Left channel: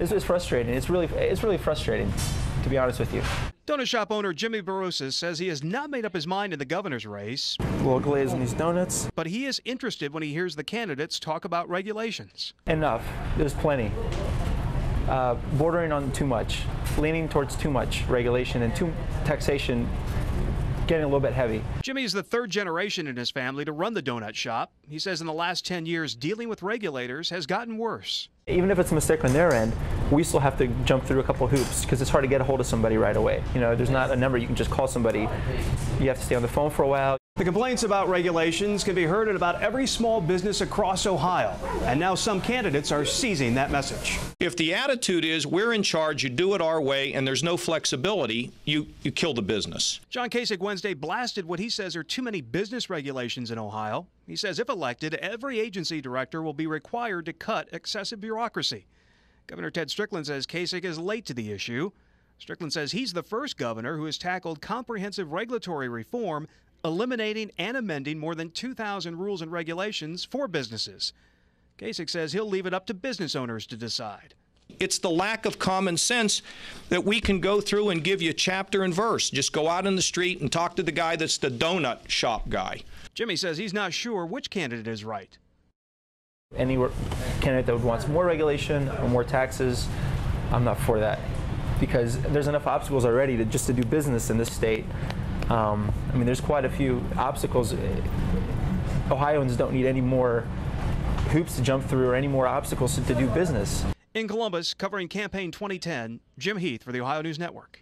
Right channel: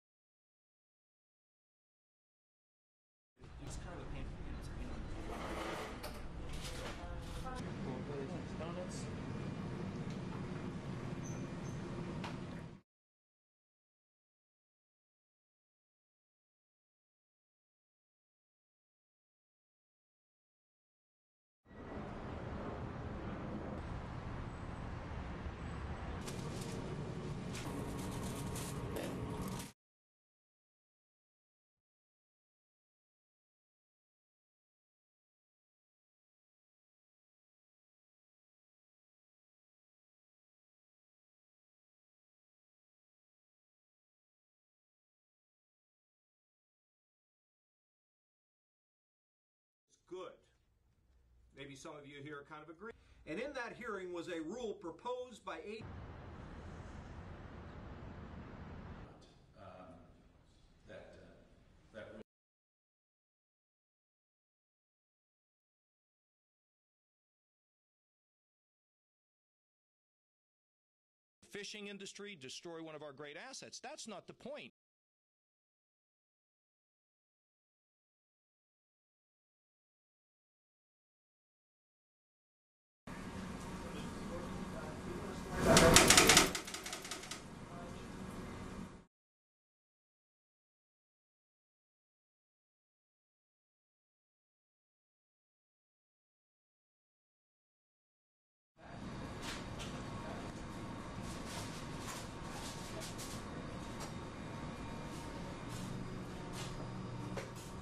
It's frustrating. It's really frustrating, to be honest with you. Donut shop owner Jimmy Barosas says he has not made up his mind in the governor's race. A little glaze in these donuts. But he is interested when he hears the candidates talk about regulations. Enough. There's plenty. Bordering on too much, leaning towards too much regulation and too taxation, getting a little bit heavy. Jimmy is the third generation in his family to run the donut shop. He says in the last 10 years, dealing with regulators has gotten worse. Even if it's a mistake on their end, we still have to jump through a couple of hoops because it's hard to get a hold of somebody right away. You know, there's not a number you can just call somebody. You have to stay on the phone for a while. The complaints about regulations can be heard at about every small business across Ohio, and now some candidates are seizing that message. If the attitude is we're in charge, you do it our way, and there's no flexibility, you kill the business. John Kasich Wednesday blasted what he says are too many business regulations in Ohio. He says if elected, every agency director will be required to cut excessive bureaucracy. Governor Ted Strickland says Kasich is late to the issue. Strickland says he's the first governor who has tackled comprehensive regulatory reform, eliminating and amending more than 2,000 rules and regulations for businesses. Kasich says he'll leave it up to business owners to decide. It's the lack of common sense that we can go through and give you chapter and verse. Just go out in the street and talk to the guy that's the donut shop guy. Jimmy says he's not sure which candidate is right. Any candidate that wants more regulation or more taxes, I'm not for that because there's enough obstacles already just to do business in this state. I mean, there's quite a few obstacles. Ohioans don't need any more hoops to jump through or any more obstacles to do business. In Columbus, covering campaign 2010, Jim Heath for the Ohio News Network.